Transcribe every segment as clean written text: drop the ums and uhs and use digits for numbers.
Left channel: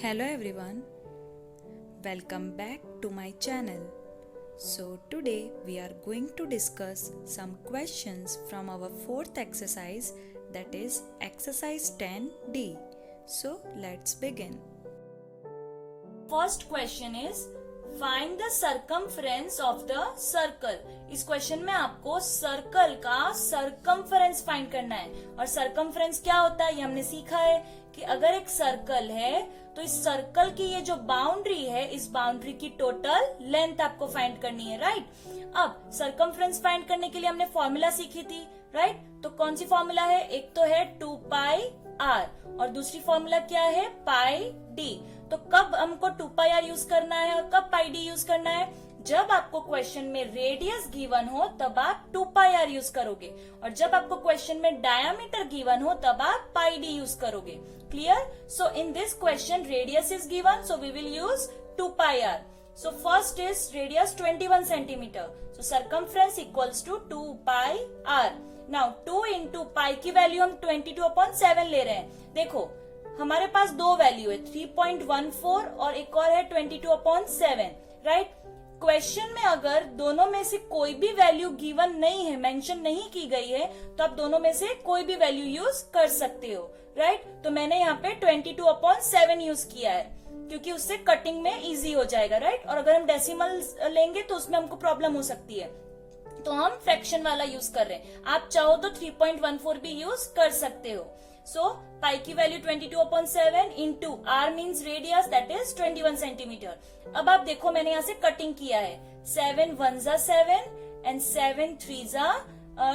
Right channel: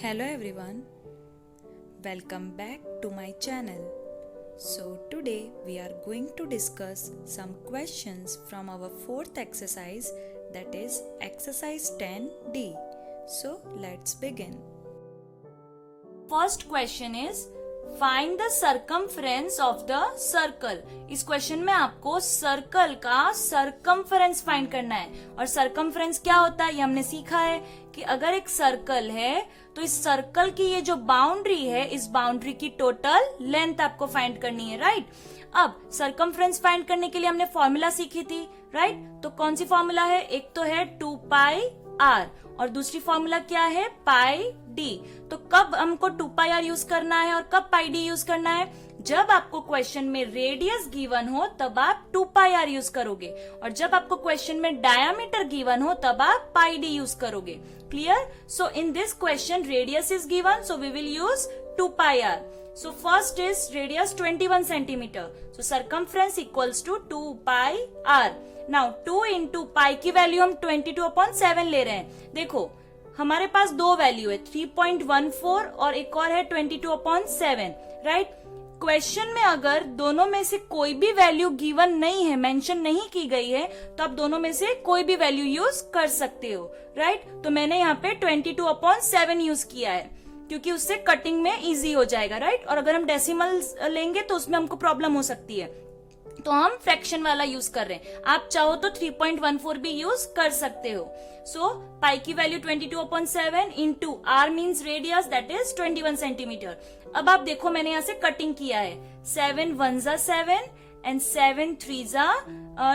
Hello everyone, welcome back to my channel. So today we are going to discuss some questions from our fourth exercise, that is exercise 10D. So let's begin. First question is find the circumference of the circle. इस question में आपको circle का circumference find करना है। और circumference क्या होता है ये हमने सीखा है कि अगर एक सर्कल है तो इस सर्कल की ये जो बाउंड्री है, इस बाउंड्री की टोटल लेंथ आपको फाइंड करनी है, राइट। अब सर्कमफ्रेंस फाइंड करने के लिए हमने फॉर्मूला सीखी थी, राइट। तो कौन सी फॉर्मूला है? एक तो है 2πr और दूसरी फॉर्मूला क्या है? पाई डी। तो कब हमको 2πr यूज करना है और कब पाई डी यूज करना है? जब आपको क्वेश्चन में रेडियस गिवन हो तब आप 2πr यूज करोगे, और जब आपको क्वेश्चन में डायामीटर गिवन हो तब आप पाई डी यूज करोगे। Clear? So in this question radius is given, so we will use 2πr. So first is radius 21 centimeter. So circumference equals to 2πr. Now 2 into pi की value हम 22/7 ले रहे हैं। देखो हमारे पास दो वैल्यू है, 3.14 और एक और है 22/7, राइट। क्वेश्चन में अगर दोनों में से कोई भी वैल्यू गिवन नहीं है, मेंशन नहीं की गई है, तो आप दोनों में से कोई भी वैल्यू यूज कर सकते हो, राइट। तो मैंने यहाँ पे 22/7 यूज किया है क्योंकि उससे कटिंग में इजी हो जाएगा, राइट। और अगर हम डेसिमल लेंगे तो उसमें हमको प्रॉब्लम हो सकती है, तो हम फ्रैक्शन वाला यूज कर रहे हैं। आप चाहो तो 3.14 भी यूज कर सकते हो। सो पाई की value 22/7 into R means radius, that is 21 centimeter. अब आप देखो मैंने यहाँ से कटिंग किया है, 7 1 जा 7 एंड 7 3 जा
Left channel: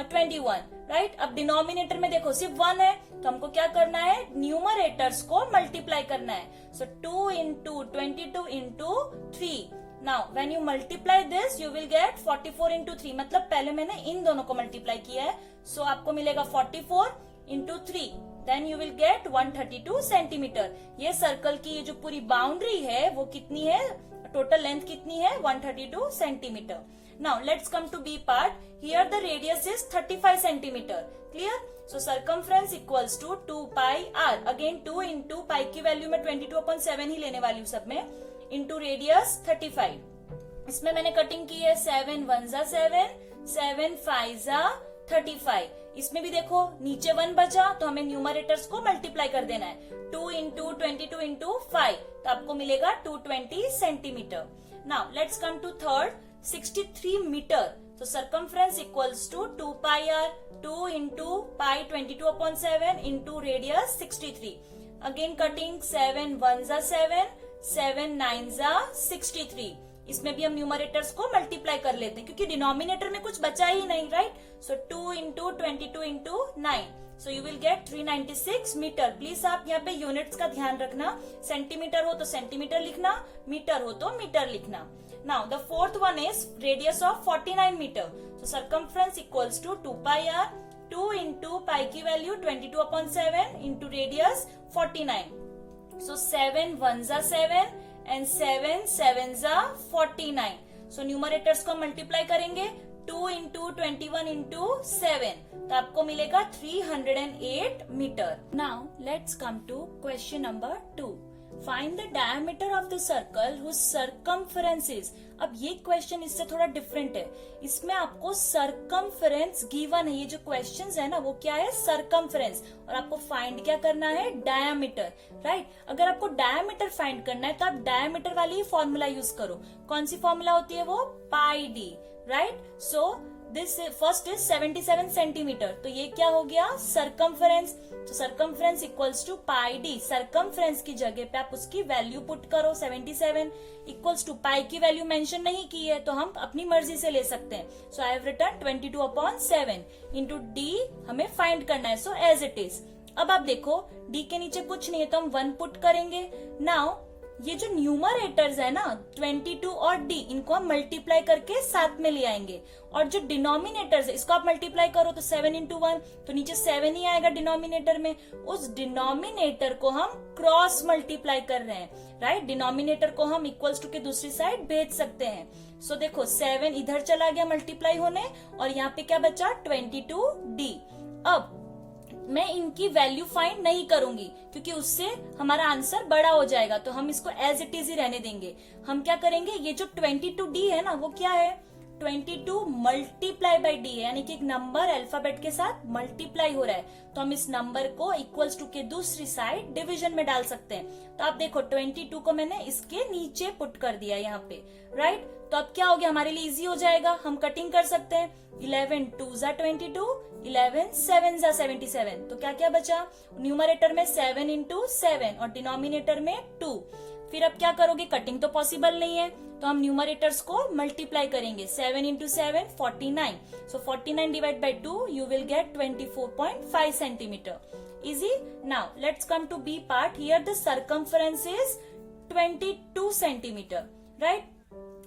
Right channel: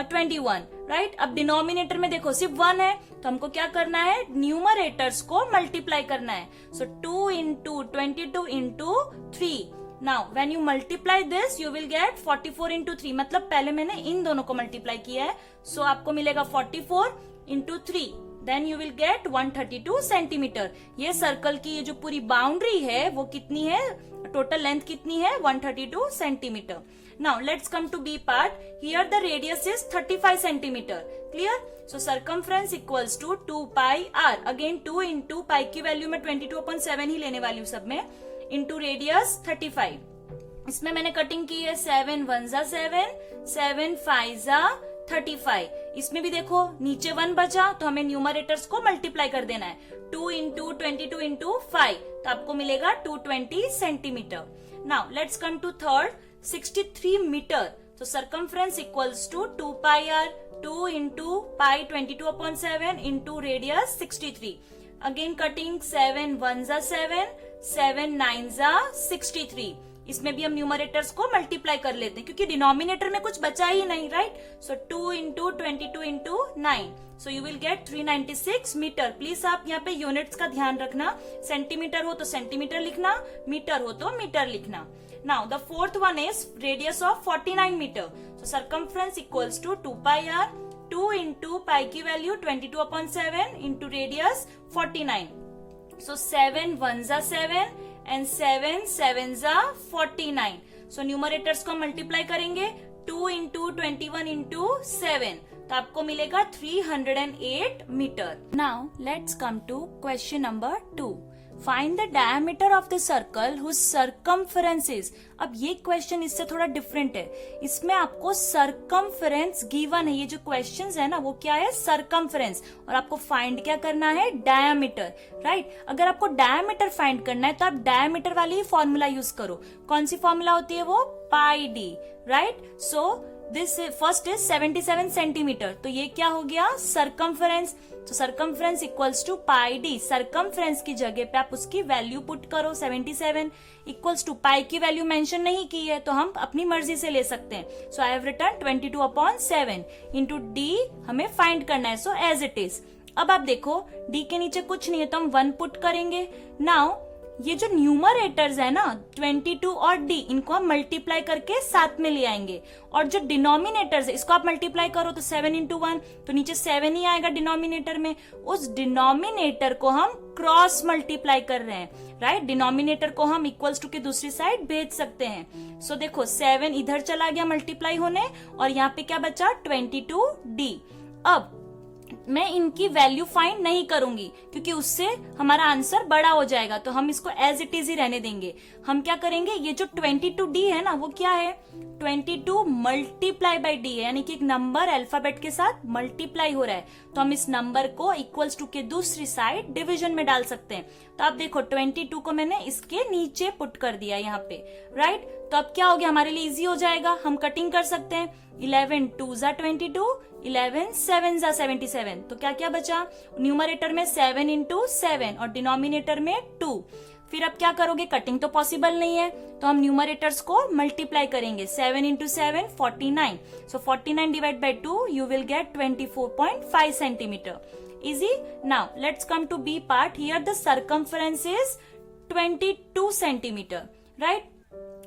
21, राइट। अब डिनोमिनेटर में देखो सिर्फ 1 है, तो हमको क्या करना है? न्यूमरेटर्स को मल्टीप्लाई करना है। सो 2 into 22 into 3. Now when you multiply this you will gate 44 into 3, मतलब पहले मैंने इन दोनों को मल्टीप्लाई किया है। सो आपको मिलेगा 44 into 3, then you will get 132 centimeter. ये सर्कल की ये जो पूरी बाउंड्री है वो कितनी है? टोटल लेंथ कितनी है? 132 centimetre. Now let's come to B part. Here the radius is 35 centimeter. Clear? So circumference equals to 2πr. Again 2 into pi की वैल्यू में 22/7 ही लेने वाली हूँ सब में, into radius 35. इसमें मैंने कटिंग की है, 7 1 जा 7, 7 5 जा 35. इसमें भी देखो नीचे 1 बचा तो हमें न्यूमरेटर्स को मल्टीप्लाई कर देना है। 2 into 22 into 5, तो आपको मिलेगा 220 centimeter. Now let's come to third, 63 meter. So circumference equals to 2πr, 2 into pi 22/7 into radius 63. Again cutting, 7 1 जा 7, 7 9 जा 63. इसमें भी हम न्यूमरेटर्स को मल्टीप्लाई कर लेते हैं क्योंकि डिनोमिनेटर में कुछ बचा ही नहीं, right. So 2 into 22 into 9, so you will get 396 meter. Please आप यहाँ पे यूनिट्स का ध्यान रखना, सेंटीमीटर हो तो सेंटीमीटर लिखना, मीटर हो तो मीटर लिखना। Now the fourth one is radius of 49 meter. So circumference equals to 2πr, 2 into pi की वैल्यू 22/7 into radius 49. So 7 1 जा 7 and 7 7 जा 49. So numerators को मल्टीप्लाई करेंगे, 2 into 21 into 7, तो आपको मिलेगा 308 metre. Now let's come to question number 2. Find the diameter of the circle whose circumference is. अब ये क्वेश्चन इससे थोड़ा डिफरेंट है, इसमें आपको सर्कमफरेंस गिवन है। ये जो क्वेश्चंस है ना वो क्या है? सर्कमफरेंस, और आपको फाइंड क्या करना है? Diameter, right. अगर आपको डायामीटर फाइंड करना है तो आप डायामीटर वाली ही फॉर्मूला यूज करो। कौन सी फॉर्मूला होती है वो? Pi d, right. So this first is 77 centimetre, तो ये क्या हो गया? सर्कमफरेंस। तो circumference equals to pi D. Circumference की जगह पे आप उसकी वैल्यू पुट करो, 77 इक्वल्स टू पाई की वैल्यू मेंशन नहीं की है तो हम अपनी मर्जी से ले सकते हैं। So I have written 22/7 into d हमें फाइंड करना है, सो एज इट इज। अब आप देखो डी के नीचे कुछ नहीं है तो हम 1 पुट करेंगे। नाउ ये जो न्यूमरेटर्स है ना 22 और डी, इनको हम मल्टीप्लाई करके साथ में ले आएंगे, और जो डिनोमिनेटर्स है इसको आप मल्टीप्लाई करो तो 7 into 1, तो नीचे 7 ही आएगा डिनोमिनेटर में। उस डिनोमिनेटर को हम क्रॉस मल्टीप्लाई कर रहे हैं, राइट। डिनोमिनेटर को हम इक्वल्स टू के दूसरी साइड भेज सकते हैं। सो देखो 7 इधर चला गया मल्टीप्लाई होने, और यहाँ पे क्या बचा? 22d। अब मैं इनकी वैल्यू फाइंड नहीं करूंगी क्योंकि उससे हमारा आंसर बड़ा हो जाएगा, तो हम इसको एज इट इज ही रहने देंगे। हम क्या करेंगे, ये जो 22D है ना, वो क्या है, 22 मल्टीप्लाई बाई डी है, यानी कि एक नंबर अल्फाबेट के साथ मल्टीप्लाई हो रहा है, तो हम इस नंबर को इक्वल्स टू के दूसरी साइड डिवीजन में डाल सकते हैं। तो आप देखो 22 को मैंने इसके नीचे पुट कर दिया यहाँ पे, राइट। तो अब क्या हो गया, हमारे लिए इजी हो जाएगा, हम कटिंग कर सकते हैं। 11 2 जा 22, 11 7 जा 77, तो क्या क्या बचा, न्यूमरेटर में 7 इंटू 7 और डिनोमिनेटर में 2। फिर अब क्या करोगे, कटिंग तो पॉसिबल नहीं है, तो हम न्यूमरेटर्स को मल्टीप्लाई करेंगे। 7 into 7 49, so 49 divide by 2 you will get 24.5 centimetre. Easy. Now let's come to B part. Here the circumference is 22 centimetre, right.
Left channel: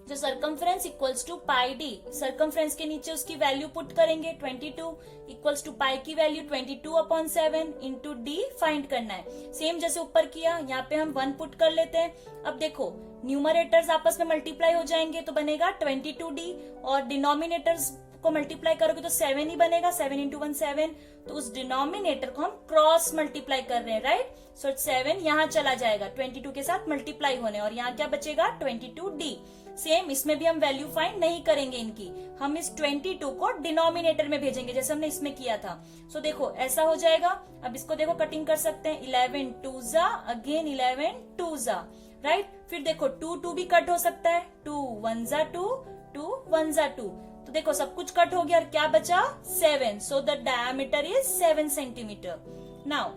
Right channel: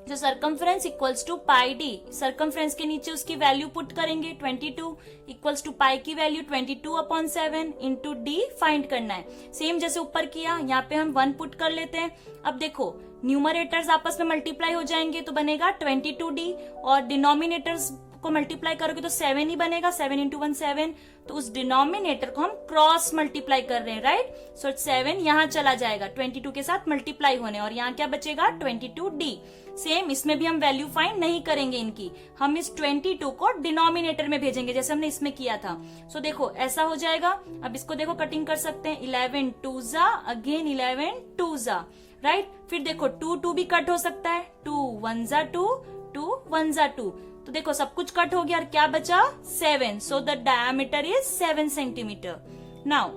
जो circumference equals to pi D, circumference के नीचे उसकी वैल्यू पुट करेंगे, 22 equals to pi की value 22/7 into D find करना है। Same जैसे ऊपर किया, यहाँ पे हम 1 पुट कर लेते हैं। अब देखो न्यूमरेटर्स आपस में मल्टीप्लाई हो जाएंगे तो बनेगा 22D, और डिनोमिनेटर्स को मल्टीप्लाई करोगे तो 7 ही बनेगा, 7 इंटू 1 7, तो उस डिनोमिनेटर को हम क्रॉस मल्टीप्लाई कर रहे हैं, राइट। सो 7 यहाँ चला जाएगा 22 के साथ मल्टीप्लाई होने, और यहाँ क्या बचेगा 22D। सेम इसमें भी हम वैल्यू फाइंड नहीं करेंगे इनकी, हम इस 22 को डिनोमिनेटर में भेजेंगे जैसे हमने इसमें किया था। सो देखो ऐसा हो जाएगा। अब इसको देखो कटिंग कर सकते हैं, 11 2 जा, अगेन 11 2 जा, राइट। फिर देखो 2 2 भी कट हो सकता है, 2 1 जा 2, 2 1 जा 2, तो देखो सब कुछ कट हो गया और क्या बचा 7, so the diameter is 7 centimeter. Now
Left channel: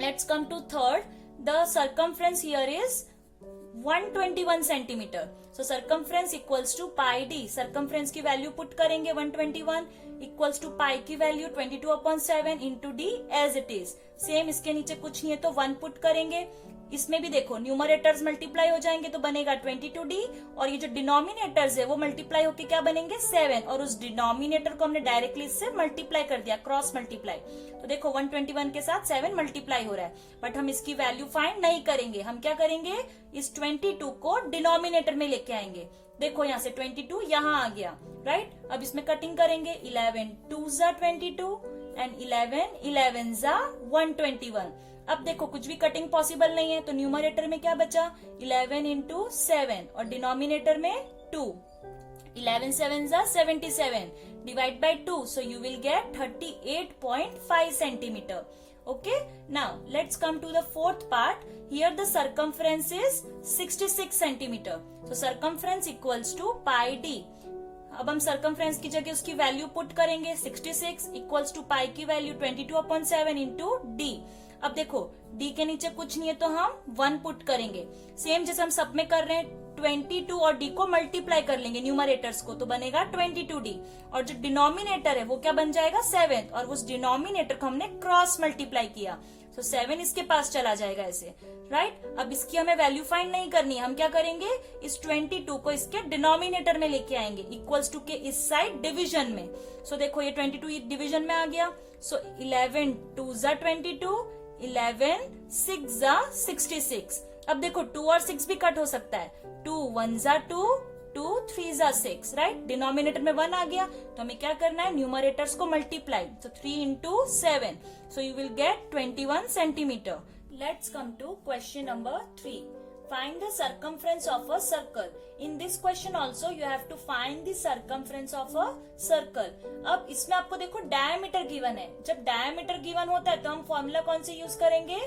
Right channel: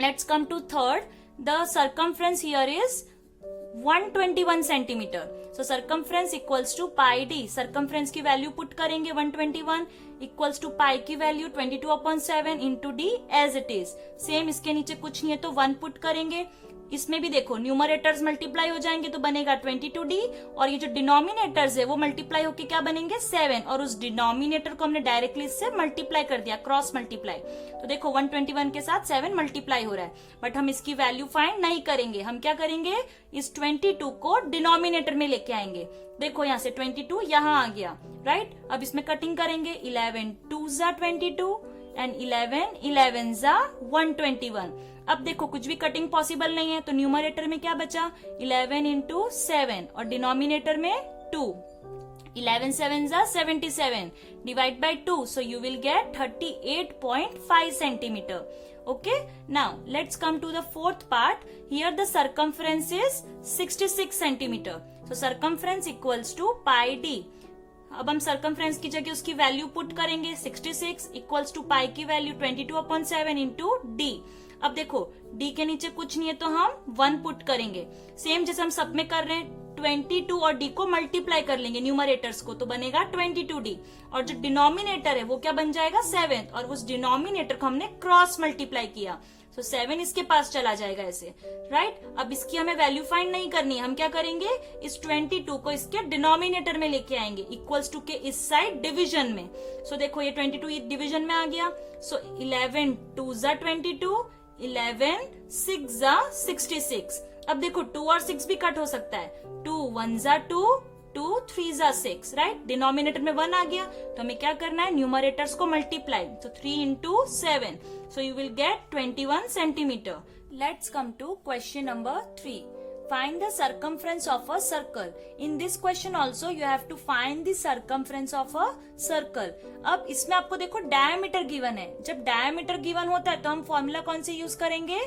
let's come to third, the circumference here is 121 centimeter. So circumference equals to pi D, circumference की वैल्यू पुट करेंगे 121 इक्वल्स टू पाई की value 22/7 into D as it is. Same इसके नीचे कुछ नहीं है तो 1 put करेंगे। इसमें भी देखो न्यूमरेटर्स मल्टीप्लाई हो जाएंगे तो बनेगा 22D, और ये जो डिनोमिनेटर्स है वो मल्टीप्लाई होके क्या बनेंगे 7, और उस डिनोमिनेटर को हमने डायरेक्टली इससे मल्टीप्लाई कर दिया, क्रॉस मल्टीप्लाई। तो देखो 121 के साथ 7 मल्टीप्लाई हो रहा है, बट हम इसकी वैल्यू फाइंड नहीं करेंगे। हम क्या करेंगे, इस 22 को डिनोमिनेटर में लेके आएंगे। देखो यहाँ से 22 यहाँ आ गया, राइट। अब इसमें कटिंग करेंगे, 11 2 जा 22 एंड 11 11 जा 121। अब देखो कुछ भी कटिंग पॉसिबल नहीं है, तो न्यूमरेटर में क्या बचा 11 इंटू 7 और डिनोमिनेटर में 2, 11 7 जा 77 divide by 2, so you will gate 38.5 centimetre. Okay, now let's come to the fourth part. Here the circumference is 66 centimeter. So circumference equals to pi d. अब हम सर्कमफ्रेंस की जगह उसकी वैल्यू पुट करेंगे, 66 equals to pi की value 22/7 into D. अब देखो d के नीचे कुछ नहीं है तो हम 1 पुट करेंगे। सेम जैसे हम सब में कर रहे हैं, 22 और d को मल्टीप्लाई कर लेंगे न्यूमरेटर्स को, तो बनेगा 22D, और जो डिनोमिनेटर है वो क्या बन जाएगा 7, और उस डिनोमिनेटर को हमने क्रॉस मल्टीप्लाई किया, तो 7 इसके पास चला जाएगा ऐसे, राइट। अब इसकी हमें वैल्यू फाइंड नहीं करनी है, हम क्या करेंगे इस 22 को इसके डिनोमिनेटर में लेके आएंगे, इक्वल्स टू के इस साइड डिवीजन में। सो देखो ये 22 डिवीजन में आ गया, सो 11 2 जा 22, 11 6 जा 66। अब देखो 2 और 6 भी कट हो सकता है, 2 1 जा 2, 2 3 जा 6, राइट। डिनोमिनेटर में 1 आ गया तो हमें क्या करना है, न्यूमरेटर्स को मल्टीप्लाई, तो 3 इंटू 7, so you will get 21 centimeter. Let's come to question number 3. Find the circumference of a circle. In this question also you have to find the circumference of a circle. अब इसमें आपको देखो diameter given है, जब diameter given होता है तो हम फॉर्मूला कौन सी यूज करेंगे,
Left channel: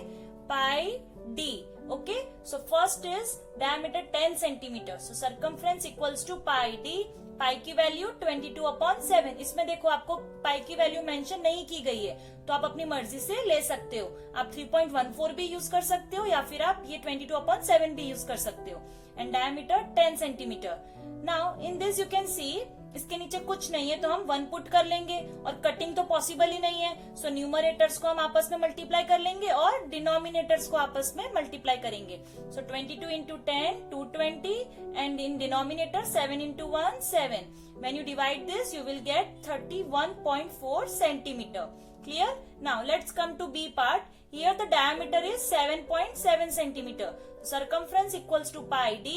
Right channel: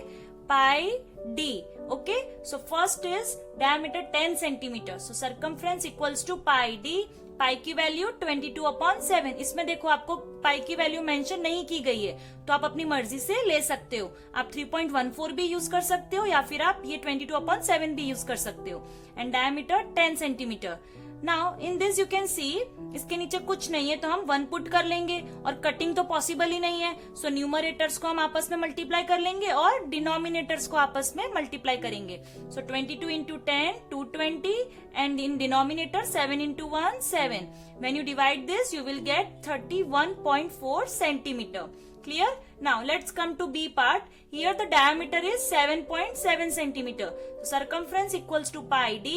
pi d. Okay, so first is diameter 10 centimetre, so circumference equals to pi d. Pi की वैल्यू 22/7। इसमें देखो आपको पाई की वैल्यू मेंशन नहीं की गई है, तो आप अपनी मर्जी से ले सकते हो। आप 3.14 भी यूज कर सकते हो या फिर आप ये 22/7 भी यूज कर सकते हो। And diameter 10 centimetre. Now in this you can see, इसके नीचे कुछ नहीं है तो हम 1 पुट कर लेंगे, और कटिंग तो पॉसिबल ही नहीं है, सो न्यूमरेटर्स को हम आपस में मल्टीप्लाई कर लेंगे और डिनोमिनेटर्स को आपस में मल्टीप्लाई करेंगे। सो 22 into 10 220, and in denominator 7 into 1 7. When you divide this you will get 31.4 centimeter. Clear? Now let's come to B part. Here the diameter is 7.7 centimeter. So circumference equals to pi d.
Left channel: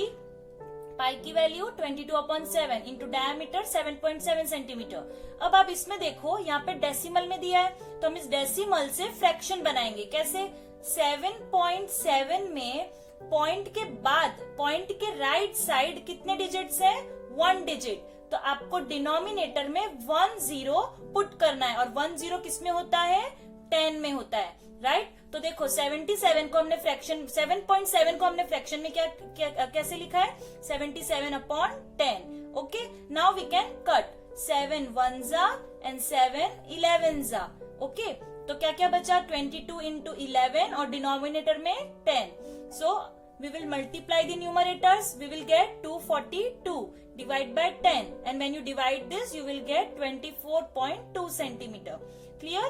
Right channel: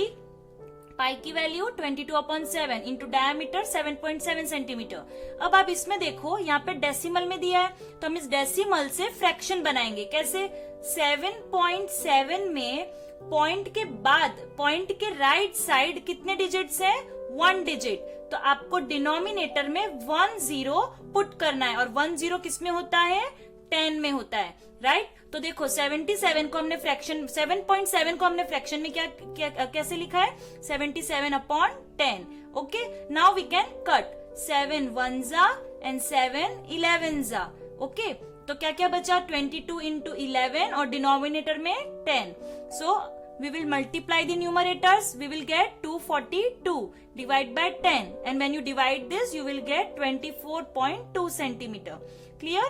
पाई की value 22/7 into diameter 7.7 centimetre. अब आप इसमें देखो यहाँ पे decimal में दिया है, तो हम इस डेसिमल से फ्रैक्शन बनाएंगे। कैसे? 7.7 में पॉइंट के बाद पॉइंट के राइट साइड कितने डिजिट्स हैं? 1 डिजिट। तो आपको डिनोमिनेटर में 1 0 पुट करना है, और 1 0 किस में होता है? 10 में होता है, राइट? तो देखो 77 को हमने फ्रैक्शन 7.7 को हमने फ्रैक्शन में कैसे लिखा है? 77/10। Okay, now we can cut 7 1s and 7 11s। Okay, तो क्या क्या बचा? 22 into 11 और डिनोमिनेटर में 10। सो we will multiply the numerators. We will get 242 divide by 10, and when you divide this you will get 24.2 centimeter. Clear?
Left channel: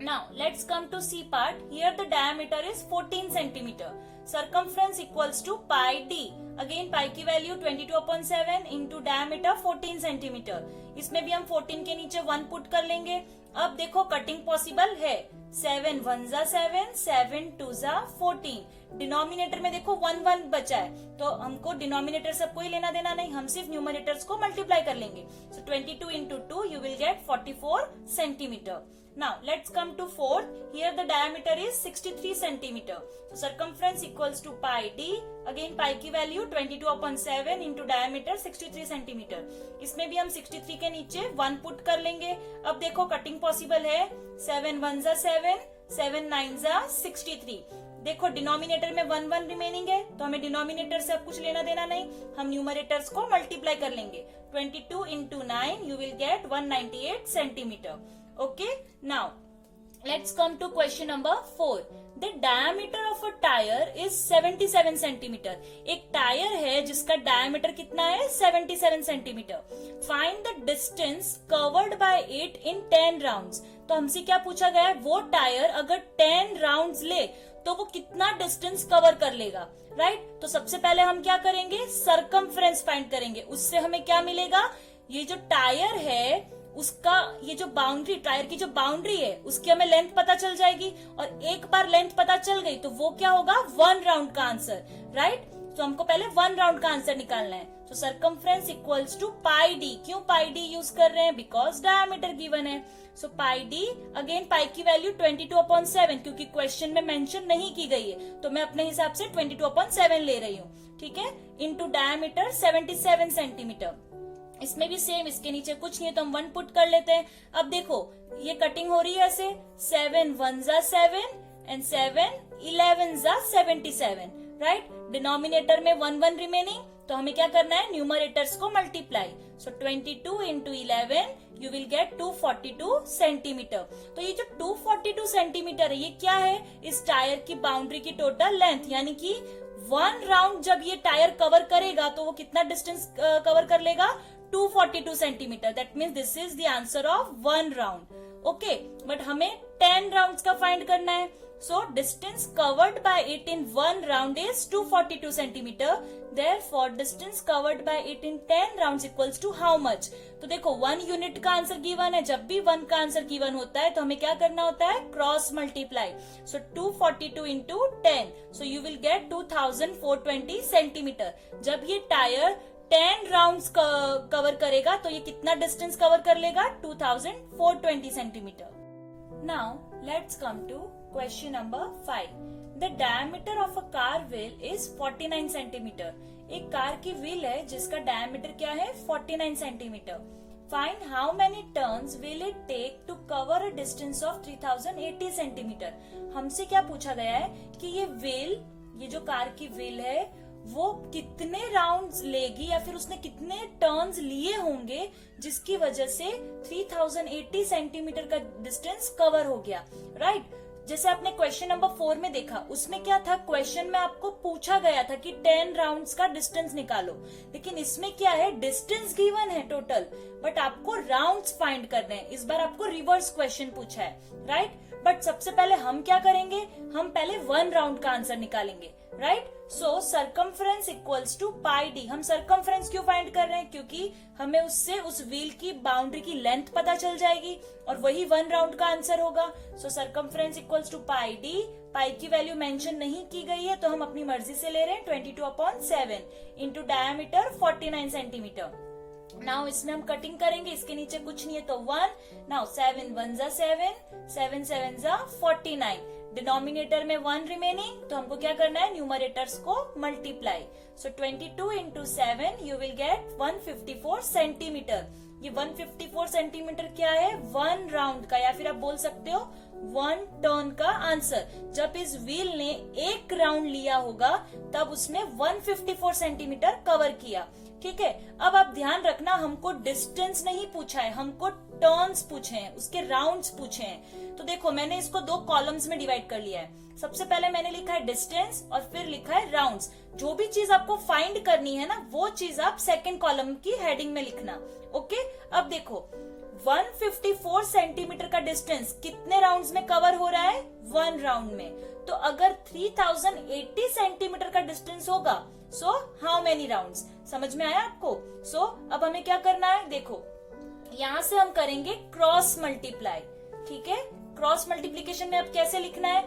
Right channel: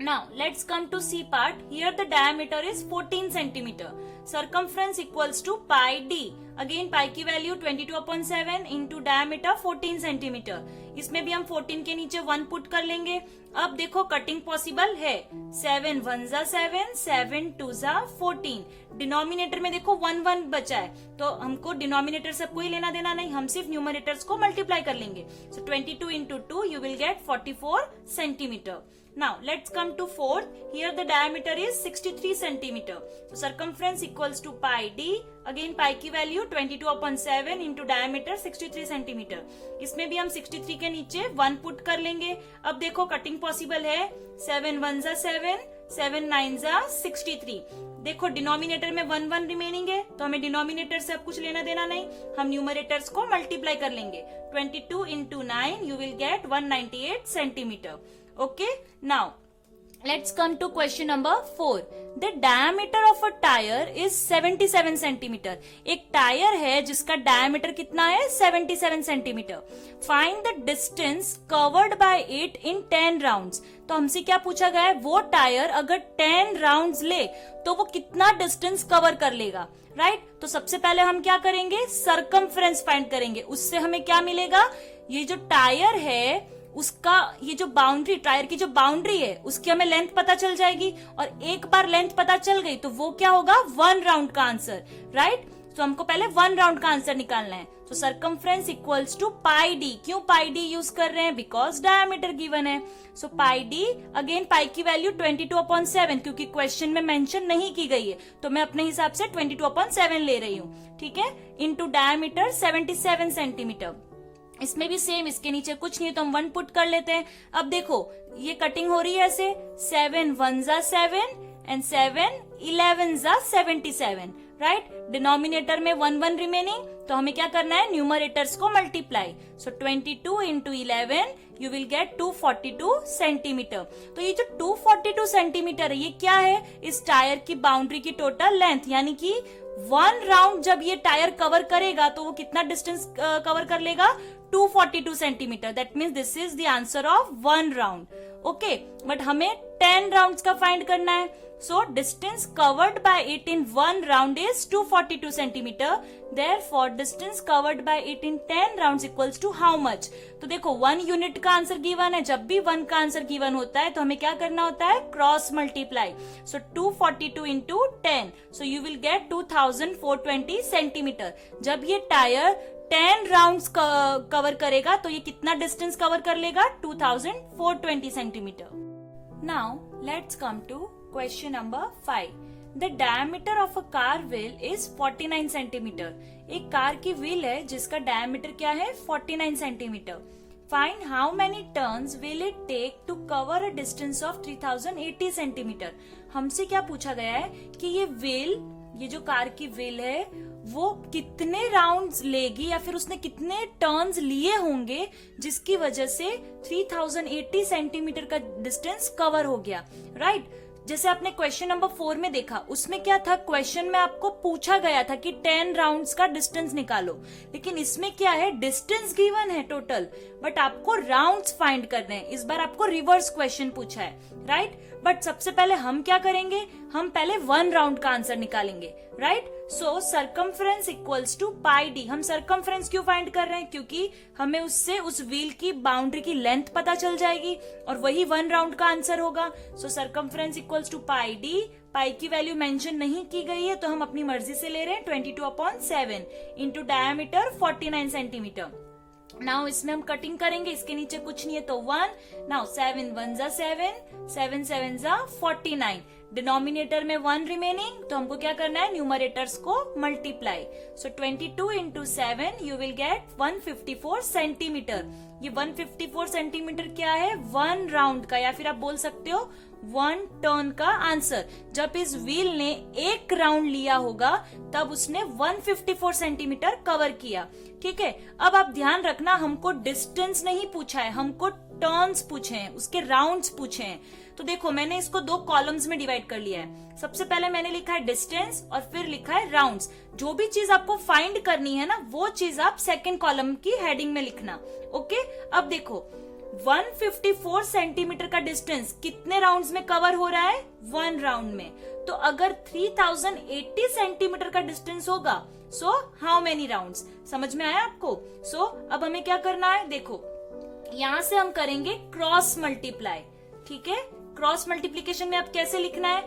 Now let's come to C part. Here the diameter is 14 centimeter. Circumference equals to pi d. Again pi की value 22/7 into diameter 14 centimeter. इसमें भी हम 14 के नीचे 1 put कर लेंगे। अब देखो कटिंग पॉसिबल है। 7 1s 7, 7 2s 14। डिनोमिनेटर में देखो 1 1 बचा है, तो हमको डिनोमिनेटर से कोई लेना देना नहीं, हम सिर्फ न्यूमरेटर्स को मल्टीप्लाई कर लेंगे। सो 22 into 2 you will get 44 centimeter. Now let's come to fourth. Here the diameter is 63 centimeter. So circumference equals to pi d. Again pi की वैल्यू 22/7 into diameter 63 centimeter. इसमें भी हम 63 के नीचे 1 पुट कर लेंगे। अब देखो कटिंग पॉसिबल है। 7 1s 7, 7 9s 63। देखो डिनोमिनेटर में 1 1 रिमेनिंग है, तो हमें डिनोमिनेटर से अब कुछ लेना देना नहीं, हम न्यूमरेटर्स को मल्टीप्लाई कर लेंगे। 22 into 9 you will get 198 centimeter. Okay, now let's come to question number 4. The diameter of a tire is 77 centimeter. एक टायर है जिसका डायमीटर कितना है? 77 centimetre. Find the distance covered by it in 10 rounds. तो हमसे क्या पूछा गया है? वो टायर अगर 10 राउंड्स ले तो वो कितना डिस्टेंस कवर कर लेगा, राइट? तो सबसे पहले हम क्या करेंगे? सरकमफ्रेंस फाइंड करेंगे। उससे हमें क्या मिलेगा? ये जो टायर है उसका ये जो बाउंड्री, टायर की जो बाउंड्री है उसकी हमें लेंथ पता चल जाएगी, और एक बार लेंथ पता चल गई तो वो क्या होगा? 1 राउंड का आंसर, राइट? तो हमको पहले 1 राउंड का आंसर निकालना है। तो circumference equals to pi D. क्यों पाई डी यूज कर रहे हैं? बिकॉज डायमीटर गिवन है। सो पाई डी, अगेन पाई की वैल्यू 22/7, क्योंकि क्वेश्चन में मेंशन नहीं की गई है तो मैं अपने हिसाब से 22/7 ले रही हूँ, ठीक है? Into diameter 77 centimetre. इसमें भी सेम, इसके नीचे कुछ नहीं है तो हम 1 पुट कर लेते हैं। अब देखो ये कटिंग हो रही है ऐसे, 7 1s 7 and 7 11s 77, right? Denominator में 1 1 रिमेनिंग, तो हमें क्या करना है? न्यूमरेटर्स को multiply. So 22 into 11 you will gate 242 centimetre. तो ये जो 242 सेंटीमीटर है ये क्या है? इस टायर की बाउंड्री की टोटल लेंथ, यानी कि 1 राउंड जब ये टायर कवर करेगा तो वो कितना डिस्टेंस कवर कर लेगा? 242 centimeter. That means this is the answer of 1 round. Okay, but हमें 10 राउंड्स का फाइंड करना है। So distance covered by it in 1 round is 242 centimeter. Therefore distance covered by it in 10 rounds equals to how much? तो देखो 1 unit का answer given है, जब भी 1 का आंसर गिवन होता है तो हमें क्या करना होता है? Cross multiply. So 242 into 10, so you will gate 2420 centimetre. जब ये टायर 10 राउंड्स कवर करेगा तो ये कितना डिस्टेंस कवर कर लेगा? 2420 centimeter. Now let's come to question number 5. The diameter of a car wheel is 49 centimeter. एक कार की व्हील है जिसका डायमीटर क्या है? 49 centimeter. Find how many turns will it take to cover a distance of 3080 centimetre. हमसे क्या पूछा गया है कि ये व्हील, ये जो कार की व्हील है वो कितने राउंड्स लेगी या फिर उसने कितने टर्न्स लिए होंगे जिसकी वजह से 3080 सेंटीमीटर का डिस्टेंस कवर हो गया, राइट? जैसे आपने क्वेश्चन नंबर 4 में देखा, उसमें क्या था? क्वेश्चन में आपको पूछा गया था कि 10 राउंड्स का डिस्टेंस निकालो, लेकिन इसमें क्या है? डिस्टेंस गिवन है टोटल, बट आपको राउंड्स फाइंड करने हैं। इस बार आपको रिवर्स क्वेश्चन पूछा है, राइट? बट सबसे पहले हम क्या करेंगे? हम पहले 1 राउंड का आंसर निकालेंगे, right? So circumference equals to pi D. हम सरकमफ्रेंस क्यों फाइंड कर रहे हैं? क्योंकि हमें उससे उस व्हील की बाउंड्री की लेंथ पता चल जाएगी और वही 1 राउंड का आंसर होगा। So circumference equals to pi d. Pi की वैल्यू मेंशन नहीं की गई है तो हम अपनी मर्जी से ले रहे हैं 22/7 इंटू डायमीटर 49 सेंटीमीटर। नाउ इसमें हम कटिंग करेंगे, इसके नीचे कुछ नहीं है तो 1। नाउ 7 1 जा 7, 7 7 जा 49। डिनोमिनेटर में 1 रिमेनिंग, तो हमको क्या करना है, न्यूमरेटर्स को multiply. So 22 into 7 you will gate 154 centimetre. ये 154 सेंटीमीटर क्या है, 1 राउंड का, या फिर आप बोल सकते हो 1 टर्न का आंसर। जब इस व्हील ने 1 राउंड लिया होगा तब उसने 154 सेंटीमीटर कवर किया। ठीक है, अब आप ध्यान रखना, हमको डिस्टेंस नहीं पूछा है, हमको टर्न्स पूछे हैं, उसके राउंड्स पूछे हैं। तो देखो मैंने इसको 2 कॉलम्स में डिवाइड कर लिया है। सबसे पहले मैंने लिखा है डिस्टेंस और फिर लिखा है राउंड्स। जो भी चीज आपको फाइंड करनी है ना, वो चीज आप सेकंड कॉलम की हेडिंग में लिखना। ओके, अब देखो 154 सेंटीमीटर का डिस्टेंस कितने राउंड्स में कवर हो रहा है, 1 राउंड में। तो अगर 3080 सेंटीमीटर का डिस्टेंस होगा, सो हाउ मेनी राउंड्स? समझ में आया आपको? सो अब हमें क्या करना है, देखो यहां से हम करेंगे क्रॉस मल्टीप्लाई। ठीक है, क्रॉस मल्टीप्लीकेशन में अब कैसे लिखना है,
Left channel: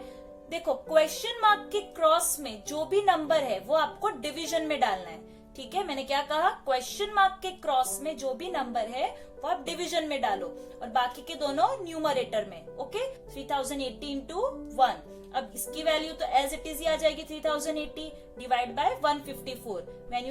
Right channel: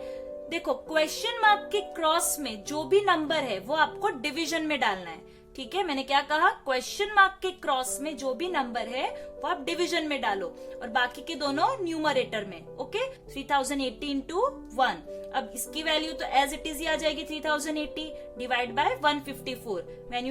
देखो क्वेश्चन मार्क के क्रॉस में जो भी नंबर है वो आपको डिवीजन में डालना है। ठीक है, मैंने क्या कहा, क्वेश्चन मार्क के क्रॉस में जो भी नंबर है वो आप डिवीजन में डालो और बाकी के दोनों न्यूमरेटर में। Okay, 3080 into 1। अब इसकी वैल्यू तो एज इट इज ही आ जाएगी 3080 divide by 154। When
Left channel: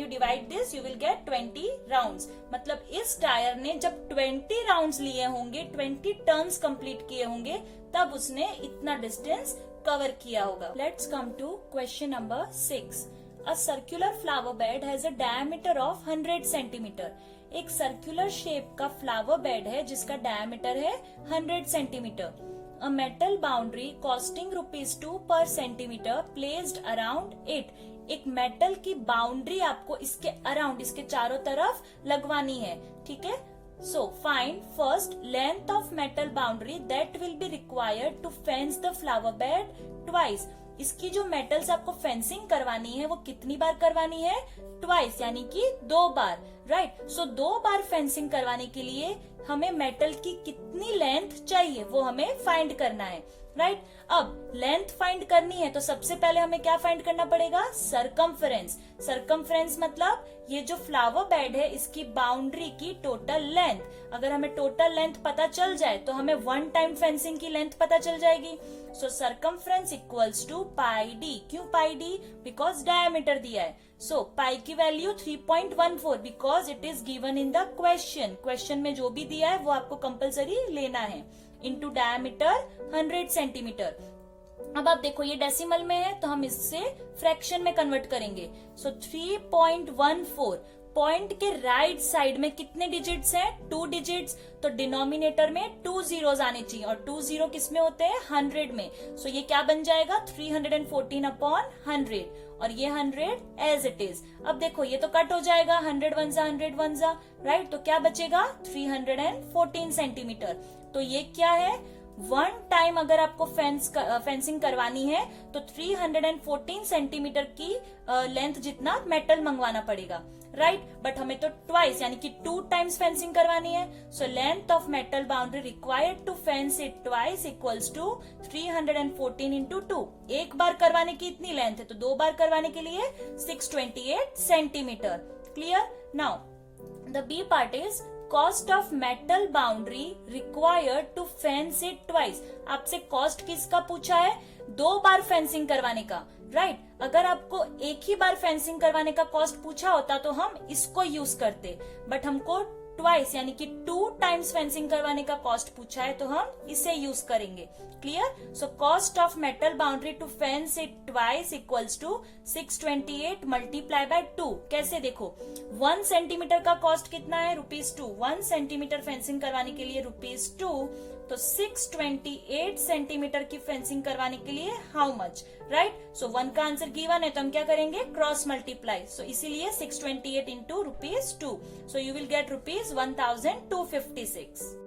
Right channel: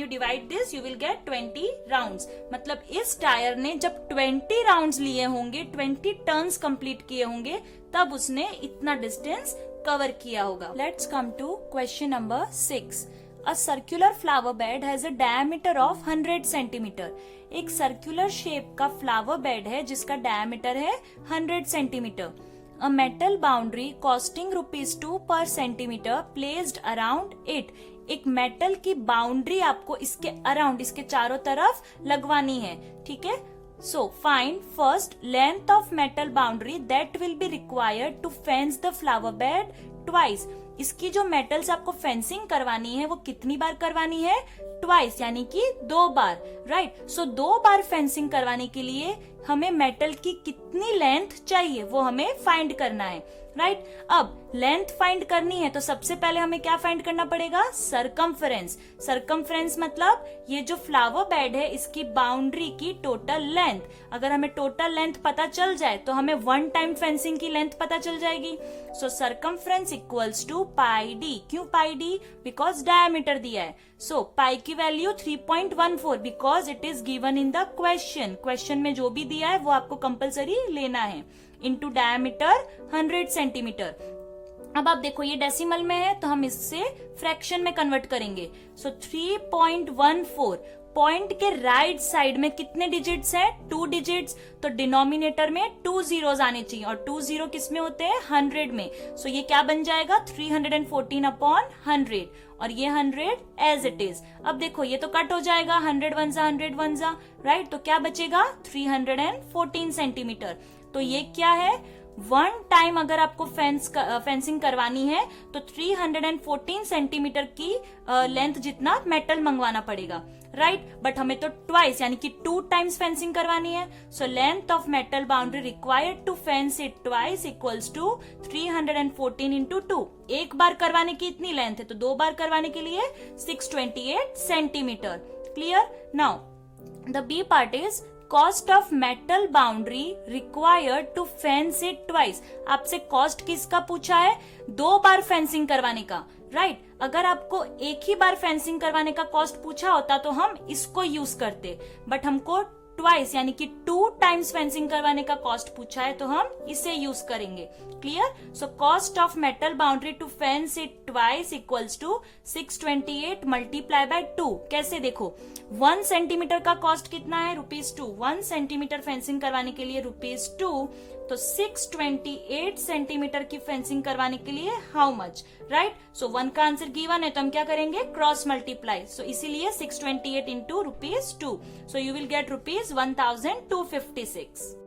you divide this you will gate 20 rounds. मतलब इस टायर ने जब 20 राउंड्स लिए होंगे, 20 टर्न्स कंप्लीट किए होंगे, तब उसने इतना डिस्टेंस कवर किया होगा। Let's come to question number 6। A circular flower bed has a diameter of 100 centimetre. एक सर्कुलर शेप का फ्लावर बेड है जिसका डायमीटर है 100 centimetre. A metal boundary costing ₹2 per centimeter placed around it। एक metal की boundary आपको इसके around, इसके चारों तरफ लगवानी है। ठीक है, so find first length of metal boundary that will be required to fence the flower bed twice. इसकी जो मेटल्स आपको फेंसिंग करवानी है वो कितनी बार करवानी है, ट्वाइस, यानी कि 2 बार। राइट, सो 2 बार फेंसिंग करवाने के लिए हमें मेटल की कितनी लेंथ चाहिए वो हमें फाइंड करना है। राइट, अब लेंथ फाइंड करनी है तो सबसे पहले हमें क्या फाइंड करना पड़ेगा, सरकमफरेंस। सरकमफरेंस मतलब ये जो फ्लावर बेड है इसकी बाउंड्री की टोटल लेंथ। अगर हमें टोटल लेंथ पता चल जाए तो हमें 1 टाइम फेंसिंग की लेंथ पता चल जाएगी। So circumference equals to pi D. क्यों पाई डी? बिकॉज डायमीटर दिया है। सो पाई की value 3.14 because it is given in the question. Question में जो भी दिया है वो आपको कंपलसरी लेना है। Into diameter 100 centimetre. अब आप देखो ये डेसिमल में है तो हम इससे फ्रैक्शन में कन्वर्ट करेंगे। सो 3.14 पॉइंट के राइट साइड में कितने डिजिट्स हैं, 2 डिजिट्स। तो डिनोमिनेटर में 2 जीरोस आने चाहिए और 2 जीरो किस में होते हैं, 100 में। सो ये क्या बन जाएगा, 314/100 और ये 100 एज इट इज। अब देखो ये तो कट हो जाएगा, 100 1 जा, राइट, तो क्या बचेगा, 314 सेंटीमीटर। तो ये क्या है, 1 टाइम अगर आपको फेंसिंग करवानी है तो 314 सेंटीमीटर की लेंथ जितना मेटल मंगवाना पड़ेगा। राइट, बट हमें तो ट्वाइस यानी कि 2 टाइम्स फेंसिंग करवानी है। So length of metal boundary required to fence it twice equals to 314 into 2। एक बार करवाने की इतनी लेंथ है तो 2 बार करवाने के लिए 628 centimetre. Clear? Now the B part is cost of metal boundary required to fence it twice. आपसे कॉस्ट किसका पूछा है, 2 बार फेंसिंग करवाने का। राइट, अगर आपको एक ही बार फेंसिंग करवाने का कॉस्ट पूछा होता तो हम इसको यूज करते, बट हमको ट्वाइस यानी कि 2 टाइम्स फेंसिंग करवाने का कॉस्ट पूछा है तो हम इसे यूज करेंगे। Clear? So cost of metal boundary to fence it twice equals to 628 multiply by 2। कैसे देखो, 1 सेंटीमीटर का कॉस्ट कितना है, ₹2। 1 सेंटीमीटर फेंसिंग करवाने के लिए ₹2, तो 628 सेंटीमीटर की फेंसिंग करवाने के लिए हाउ मच। राइट, सो 1 का आंसर गिवन है तो हम क्या करेंगे, क्रॉस मल्टीप्लाई। सो इसीलिए 628 into ₹2। So you will gate ₹1256।